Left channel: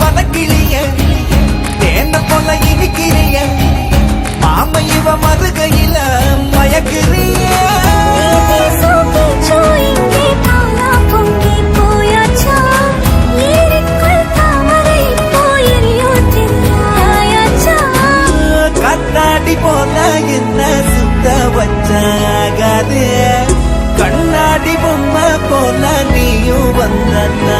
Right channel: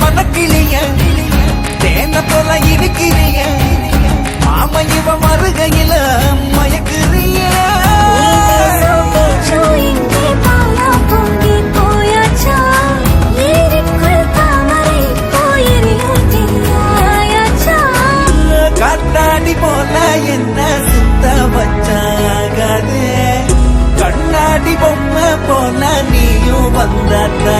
வனக்கிளிய தேங்க போல இருக்கிறிய மாம இவ மருகையில மயக்குறிய கண்ணாடி போல என்ன சுத்த வச்சாகாதே கண்ணாடி பொம்மை போல நீயும் வந்த